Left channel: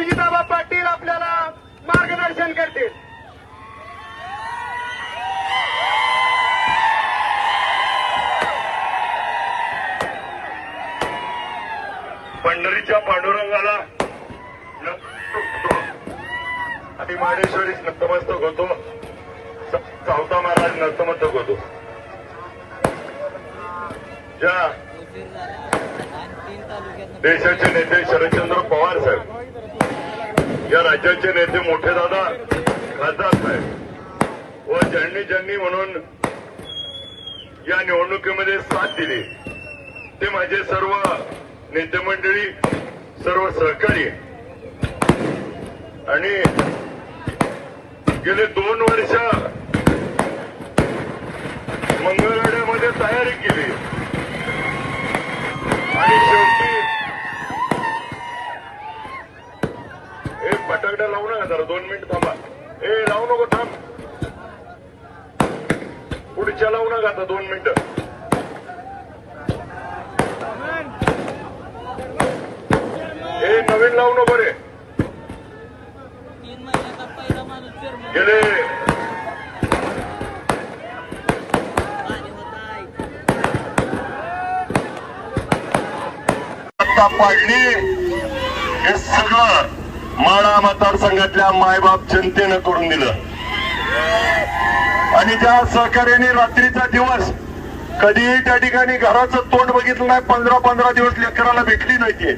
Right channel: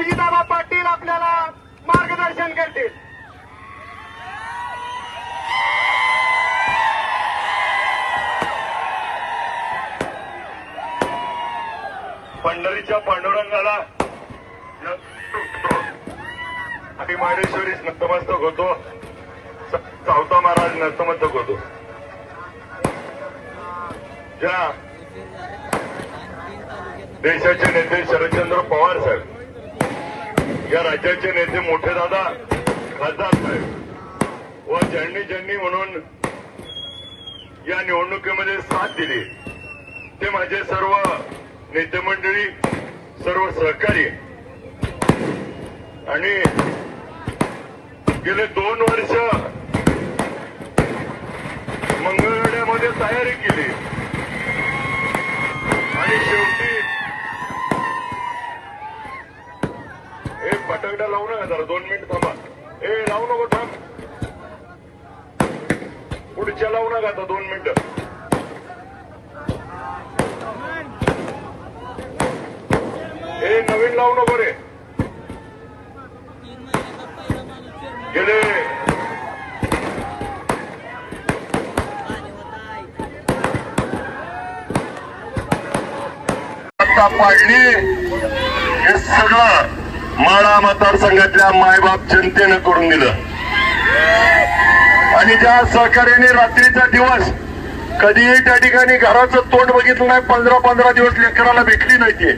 अभिजिताबा पाटील आपल्याला मार्गदर्शन करतील. पंढरीच्या पांडुरंगाला आणि नतमस्तक होतो. सावता महाराज नतमस्तक होतो. ज्या देशाचे नेते शरदचंद्र पवार साहेब या राज्याचे नेते मोठे दादा खासदार साहेब. व ज्यांनी ज्यांनी म्हणून या निवडणुकीमध्ये साथ दिली ते माझे सर्व नेते मंडळी सर्व सहकारी. आणि गेले दोन वर्ष मंगळवेड्यामध्ये तयारी केली आणि शेवटी एक लावू नका जरा दोन मिनिट थांबा. ए लावू नको थांब. पुढच्या लावू नका आता दोन मिनिट. ए नवीन लावू नको रे. गेले. आणि पाडली हे सगळं. माळा मतदारसंघातल्या मायबाप जनतेनं करून दिलं. आणि ज्या सहकार्याने रात्रीचा दिवस कधीही त्या ठिकाणी घराचं तोंड बघितलं नाही पंधरा पंधरा दिवस लेकराला भेटली नाहीये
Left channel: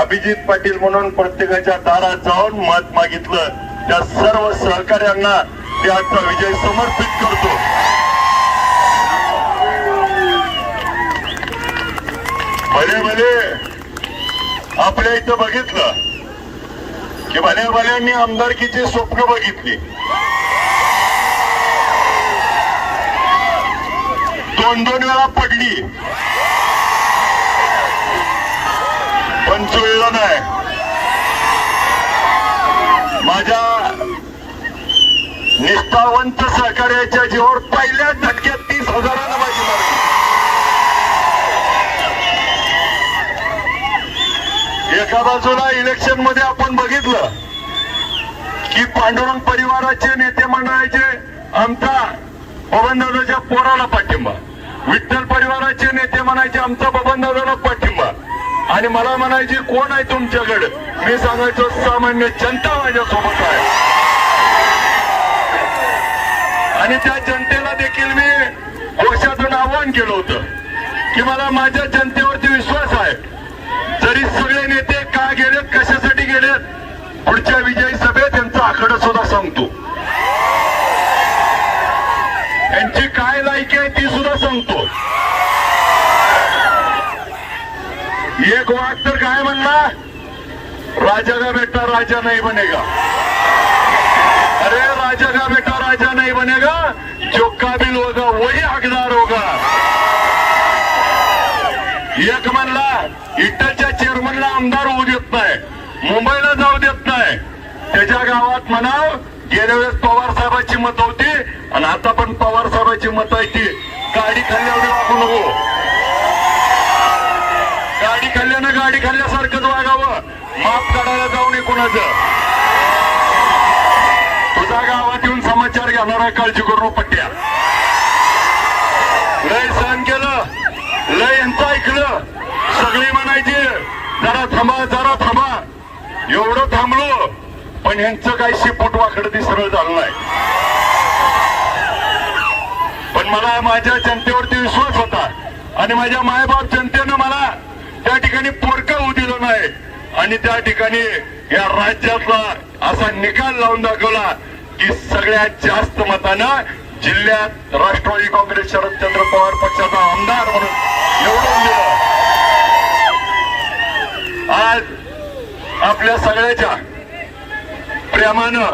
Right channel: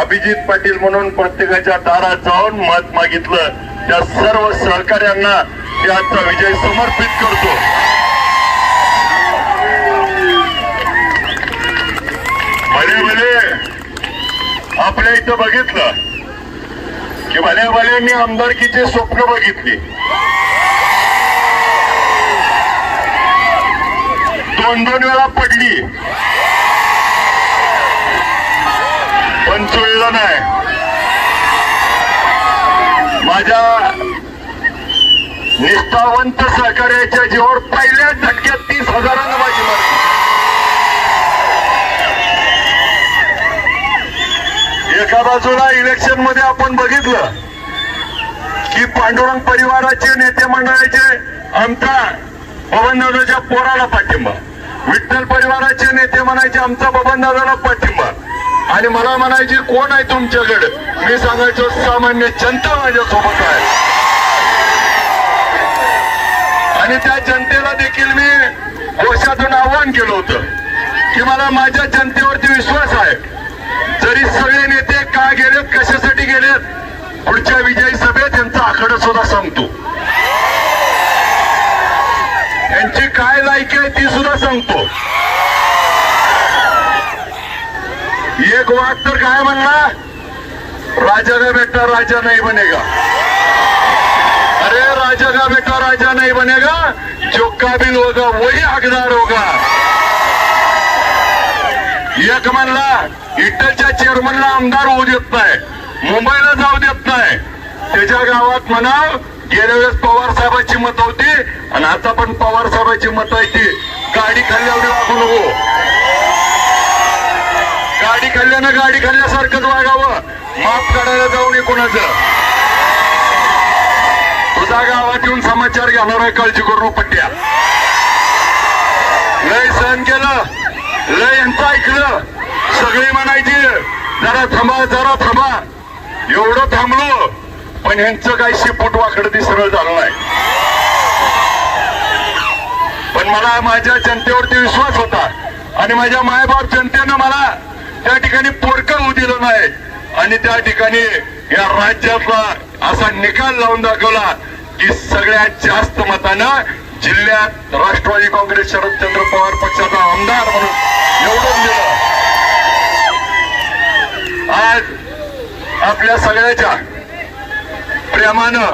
अभिजित पाटील म्हणून प्रत्येकाच्या दारात जाऊन मत मागितलं. त्या सर्व सहकार्यांना त्याचा विजय समर्पित करतो. भले भले. आपल्या इथं बघितलं. की भले मी आमदारकीचे स्वप्न बघितले. दोन दोन वेळा पडली. पण चुळलं नाही. माझ्या निष्ठावंत सहकार्याच्या जीवावर एका बाजूला इलेक्शनमध्ये आपण बघितलं की पांडुरंग परिवाराचे नेते मंडळाचे आमचा बबनदादाच्या पोराला पाठिंबा. विठ्ठल परिवाराचे नेते म्हणायचे आमचा बबनदादाला पाठिंबा. आणि मला म्हणायचे कोण आहे तुमच्याकडे? मी सांगायचो सामान्य जनता माझ्यासोबत आहे. आणि त्या जनतेला देखील मी घोषातून आवाहन केलं होतं की मला माझ्या जनतेवरती विश्वास आहे. जरी सगळे नेते गेलेत कशासाठी गेलेत? पुढच्या विजयी सभेत यांचा आकडा सुद्धा सांगतो यांची काय लायकी आहे ती सुद्धा सांगतो एक वाघ तर काय म्हणला? राजा का बेटा राजा नाही बनेगा. अरे राजा का बेटा राजा नाही बनेगा? जो काबिल होगा वही हकदार होगा. एक म्हणला इटलच्या चेअरमनला आमदार होऊ देत नाही. मुंबईला जाऊ देत नाही. त्याच्या गावात म्हणाव गेल्या वेळेस पवार साहेबांची मत होती आणि आता पण पवार साहेबांची मत आहे ती. गाडी खाल्ल्यावर वागू नको. गाडी खाल्ल्यानं गाडी खाल्ल्यासारखंच वागावं. माफ काढायला जाऊ नये कोणाचं. तुझा गावात येऊन समाचार घेणार आहे काळजी करू पट्ट्या. लय सहन केलं. लय यांचं ऐकलं सगळी म्हणायची जरा थांबा जरा थांबा. एवढं थांबलो पण यांचं काही शिपूट वाकडं ती सरळ झालं नाही. पण मला माझ्या जनतेवरती विश्वास होता. आणि माझ्या मायबाप जनतेनं मला त्या ठिकाणी पोरकं होऊ दिलं नाही. आणि त्या ठिकाणी या राज्याचा असा निकाल लावून दाखवला की सगळ्यात जास्त मतानं जिल्ह्यात राष्ट्रवादी काँग्रेस शरदचंद्र पवार पक्षाचा आमदार म्हणून निवडून दिलं. आज आपल्या सगळ्याच्या प्रेमानं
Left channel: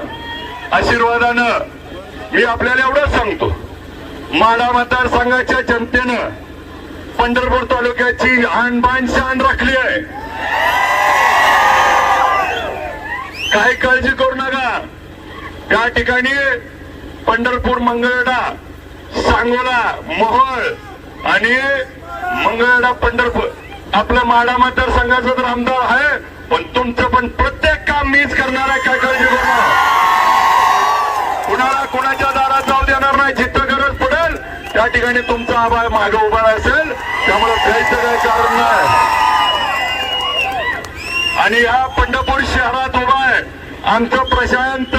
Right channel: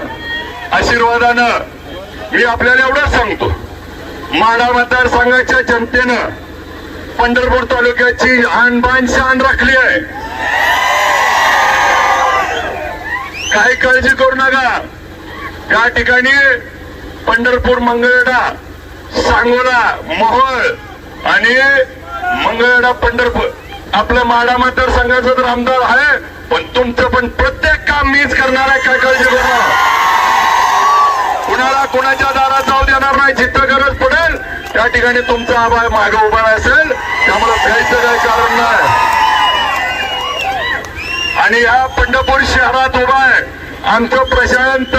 आशीर्वादानं मी आपल्याला एवढंच सांगतो. माडा मतदारसंघाच्या जनतेनं पंढरपूर तालुक्याची आणबाण शान राखली आहे. काही काळजी करू नका. त्या ठिकाणी पंढरपूर मंगळवेढा सांगोला मोहोळ आणि मंगळवेढा पंढरपूर. आपलं माडा मतदारसंघाचा तर आमदार आहे पण तुमचं पण प्रत्येक काम मीच करणार आहे काय काळजी करणार कुणाला कुणाच्या दारात जाऊ देणार नाही जिथं गरज पडेल त्या ठिकाणी तुमचा आभार मागे उभा असेल त्यामुळे भ्यायचं काय कारण नाही. आणि या पंढरपूर शहरात उभा आहे. आमचं प्रशांत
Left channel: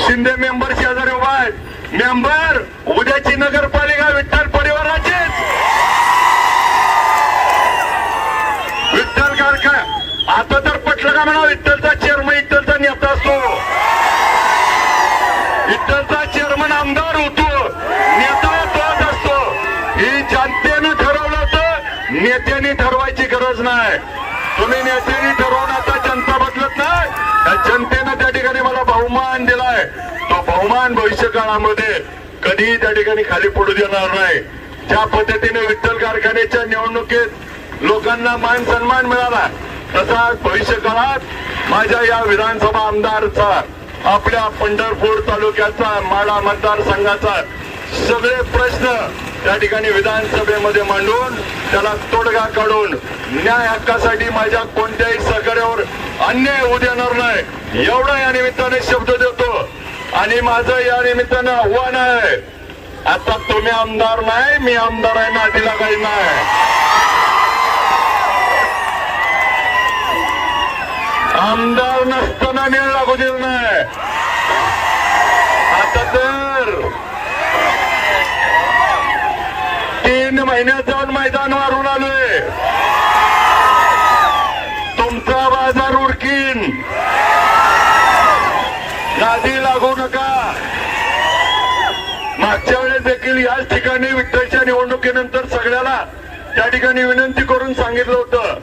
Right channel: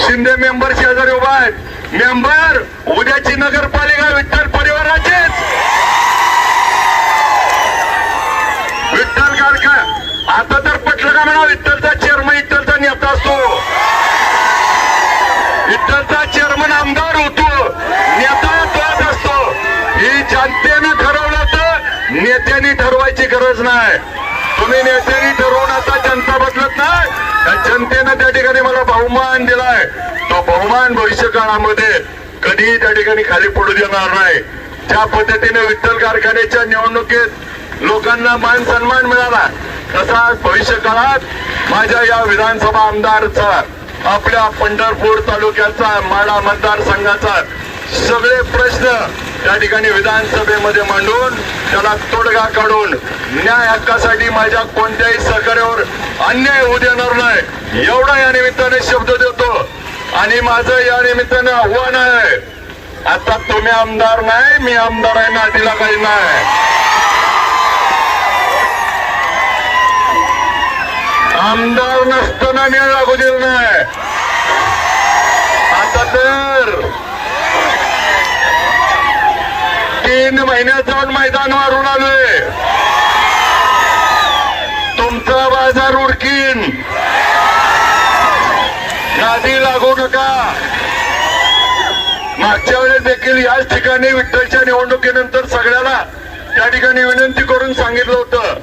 शिंदे मेंबर शेजारी उभा आहे मेंबर उद्याची नगरपालिका विठ्ठल परिवाराचीच. विठ्ठल कारखा. आता तर पटलं का म्हणा विठ्ठलचा चेअरमन विठ्ठलचा नेता असतो. विठ्ठलचा चेअरमन आमदार होतो. नेता तोच असतो. ही जनतेनं ठरवलं तर नेत्यांनी ठरवायची गरज नाही. तुम्ही नेत्यांनी ठरवून आता जनता बदलत नाही. त्या जनतेनं त्या ठिकाणी मला बहुमान दिलाय. तो बहुमान भविष्य काळामध्ये कधीही त्या ठिकाणी खाली पडू देणार नाही. ज्या पद्धतीने विठ्ठल कारखान्याच्या निवडणुकीत लोकांना मान सन्मान मिळाला तसा भविष्य काळात माझ्या या विधानसभा आमदारचा आपल्या पंढरपूर तालुक्याचा माडा मतदारसंघाचा सगळे प्रश्न त्या ठिकाणी विधानसभेमध्ये मांडून त्याला तोडगा काढून न्याय हक्कासाठी माझ्या कोणत्याही सहकार्यावर अन्याय होऊ देणार नाही. एवढा या निमित्ताने शब्द देतो. आणि माझं या निमित्तानं आव्हान आहे. आता तुम्ही आमदार नाही मी आमदार आहे ना तिला काही नाही. आमदार नसताना मी लागू दिलं नाही. आता तर तीन महिन्यात जाऊन मैदान मारून आलोय. तुमचा बाजार उरकीन नादी लागू नका. मागच्या वेळेस देखील याच ठिकाणी विठ्ठलच्या निवडणुकीनंतर सगळ्याला त्या ठिकाणी विनंती करून सांगितलं होतं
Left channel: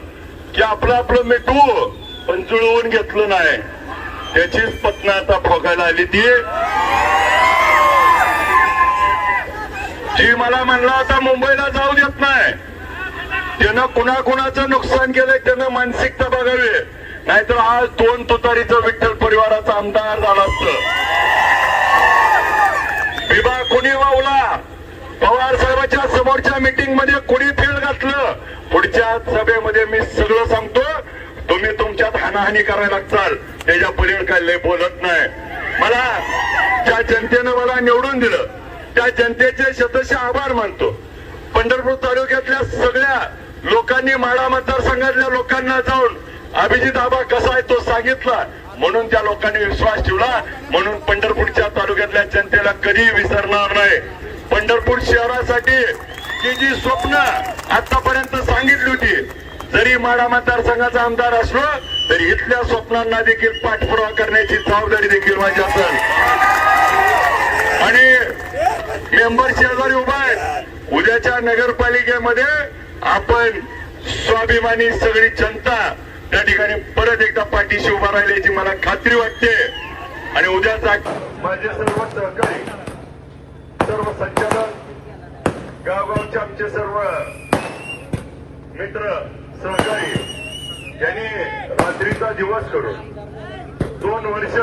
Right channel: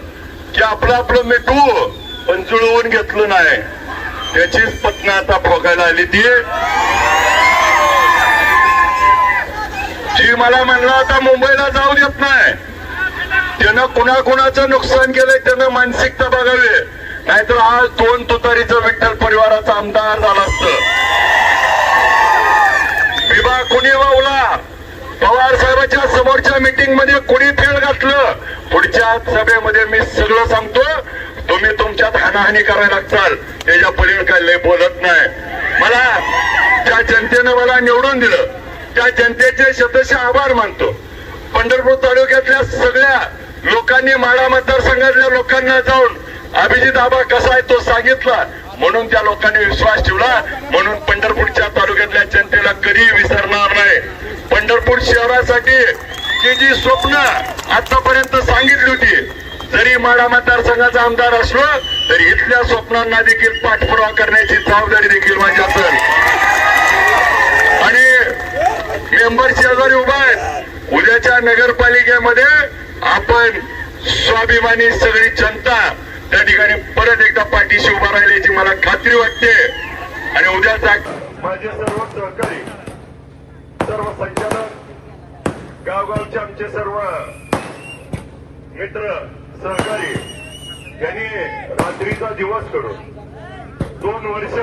की आपलं आपलं मिठू पण जुळवून घेतलं नाही. त्याचीच पत्न आता भोगायला आली ती. जी मला म्हणला होता मुंबईला जाऊ देत नाही. त्यानं कुणाकुणाचं नुकसान केलंय त्यानं मानसिकता बघावी. नाहीतर आज दोन तुतारीचं विठ्ठल परिवाराचा आमदार झाला असत. विभाग कुणी वावला? पवार साहेबाच्या समोरच्या मीटिंगमध्ये कुणी फेड घातलं? पुढच्या सभेमध्ये मी सगळं सांगतो तुम्ही तुमच्यात हानाहानी करायला लागताल. त्याच्या पलीकडे काय लय बोलत नाही. मला त्या जनतेनं मला निवडून दिलं. त्या जनतेचे शतशः आभार मानतो. पंढरपूर तालुक्यातल्या सगळ्या लोकांनी माडा मतदारसंघातल्या लोकांना जाऊन अभिजित आबा कसा आहे तो सांगितला. म्हणून त्या लोकांनी विश्वास ठेवला. म्हणून पंढरपूरच्या तालुक्यातल्या जनतेला कधी विसरणार नाही. पंढरपूर शहरासाठी जी जी स्वप्न आतापर्यंत सांगितली होती जरी माडा मतदारसंघाचा आमदार असलो तरी इथल्या स्वप्नांना देखील पाठपुरावा करण्याची जबाबदारी देखील माझी असेल. मेंबर शेजारी उभा आहे उद्याच्या नगरपालिकेमध्ये आपण स्वाभिमानी सगळी जनता त्या ठिकाणी परत एकदा पाठीशी उभा राहिल्याची मला खात्री वाटते. आणि उद्याचा माझे सर्व सहकारी सर्व संचालक गावगावचे आमचे सर्व मित्र सहकारी यांनी रात्रीचा दिवस करून दोन वर्ष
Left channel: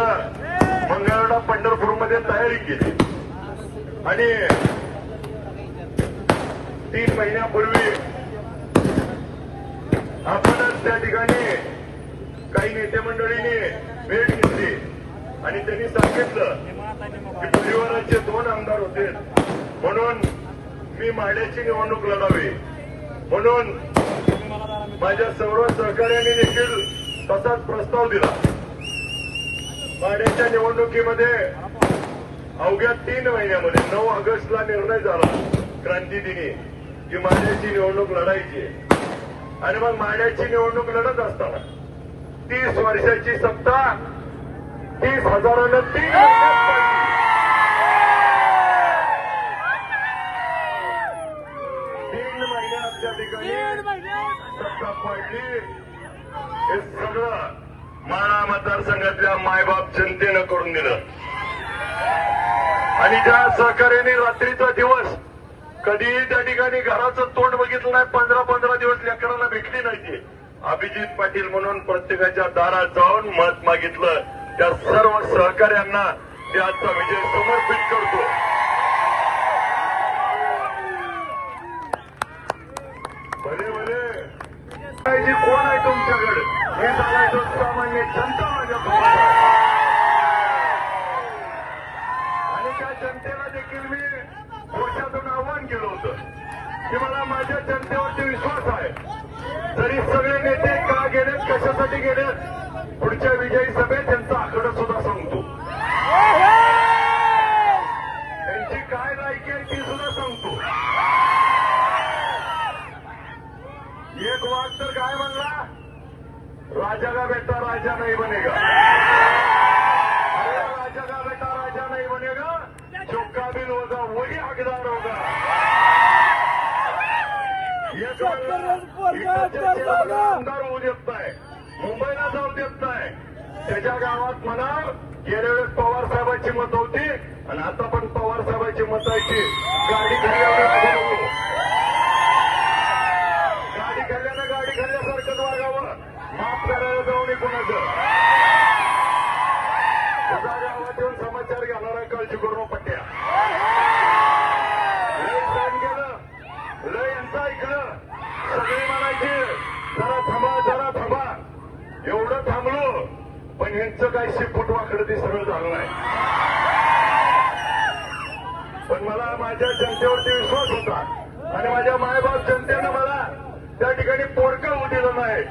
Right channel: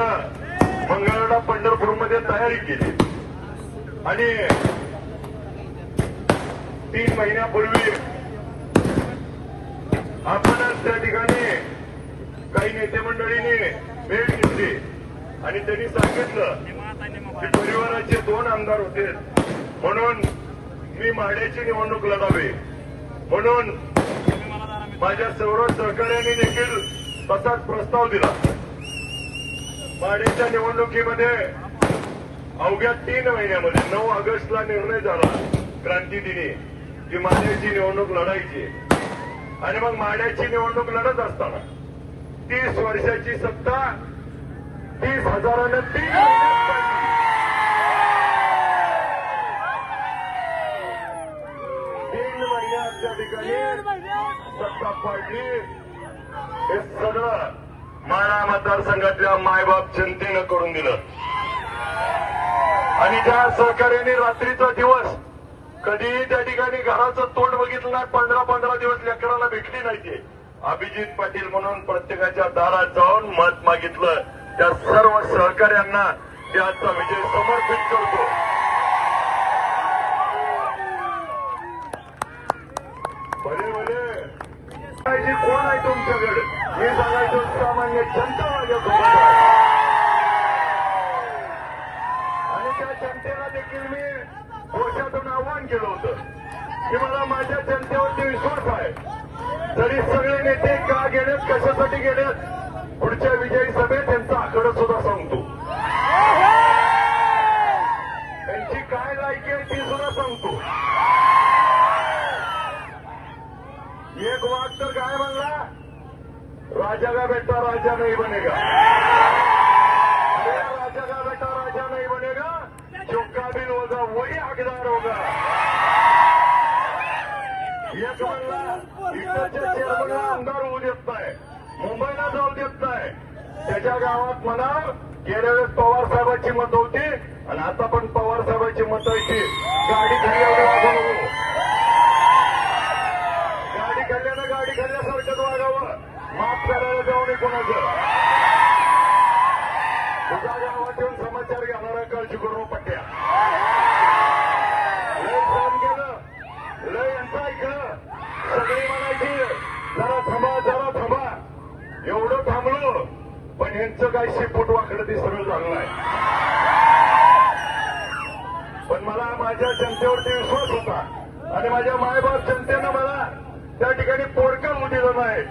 मंगळवेढा पंढरपूरमध्ये तयारी केली. आणि तीन महिन्यापूर्वी आपणच त्या ठिकाणी काही नेते मंडळींनी भेट घेतली. आणि त्यांनी सांगितलं की डोंगरवराचे दोन आमदार होते. म्हणून मी माड्याची निवडणूक लढावी. म्हणून माझ्या सर्व सहकार्याने देखील तसाच प्रस्ताव दिला. माड्याच्या निवडणुकीमध्ये अवघ्या तीन महिन्यामध्ये नऊ ऑगस्टला निर्णय झाला. क्रांतीदिनी की माड्याची निवडणूक लढायची आणि मग माड्याची निवडणूक लढत असताना तीस वर्षाची सत्ता तीस हजारानं तीन तीन महिने आमच्या ठिकाणी सत्ता पाडली हे सगळं माळा मतदारसंघातल्या मायबाप जनतेनं करून दिलं. आणि ज्या सहकार्याने रात्रीचा दिवस कधीही त्या ठिकाणी घराचं तोंड बघितलं नाही पंधरा पंधरा दिवस लेकराला भेटली नाही ते. अभिजित पाटील म्हणून प्रत्येकाच्या दारात जाऊन मत मागितलं. त्या सर्व सहकार्यांना ते आजचा विजय समर्पित करतो भले भले जी कोण आहे तुमच्याकडे हे सांगायचो सामान्य जनता माझ्याकडे आणि त्या जनतेला देखील मी दोषातून आव्हान केलं होतं की मला माझ्या जनतेवरती विश्वास आहे जरी सगळे नेते का गेलेत कशासाठी गेलेत पुढच्या विजयी सभेत त्यांचा आकडा सुद्धा सांगतो त्यांची काय लायकी आहे ती सुद्धा सांगतो एक वाद तर काय म्हणला राजा का बेटा राजा नाही बनेगा अरे राजा का बेटा राजा नहीं बनेगा जो काबिल होगा वही हकदार होगा एक म्हणला, इकडच्या शहराला आमदार होऊ देत नाही मुंबईला जाऊ देत नाही त्याच्या गावात म्हणा गेल्या वेळेस पवार साहेबांची मत होती. आणि आता पण पवार साहेबांची मत आहे की गाडी गाडी खाल्ल्यानं गाडी खाल्ल्यासारखं वागावं माफ करायला जाऊ नये कोणाचं तुझ्या गावात येऊन समाचार घालणारा काळजी करू पट्ट्या लय सहन केलं लय यांचं ऐकलं सगळे म्हणायचे जरा थांबा जरा थांबा एवढं थांबलो पण यांचं काय शिपूट वाकडं ते सगळं झालं नाही पण मला माझ्या जनतेवरती विश्वास होता. आणि माझ्या मायबाप जनतेनं मला त्या ठिकाणी पोरकं होऊ दिलं नाही.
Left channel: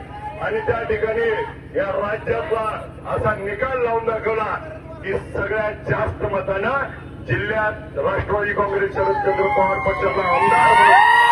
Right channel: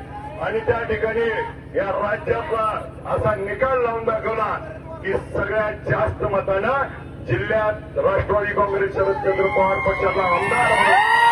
आणि त्या ठिकाणी या राज्यातला असा निकाल लावून दाखवला की सगळ्यात जास्त मतानं जिल्ह्यात राष्ट्रवादी काँग्रेस शरदचंद्र पवार पक्षाचा आमदार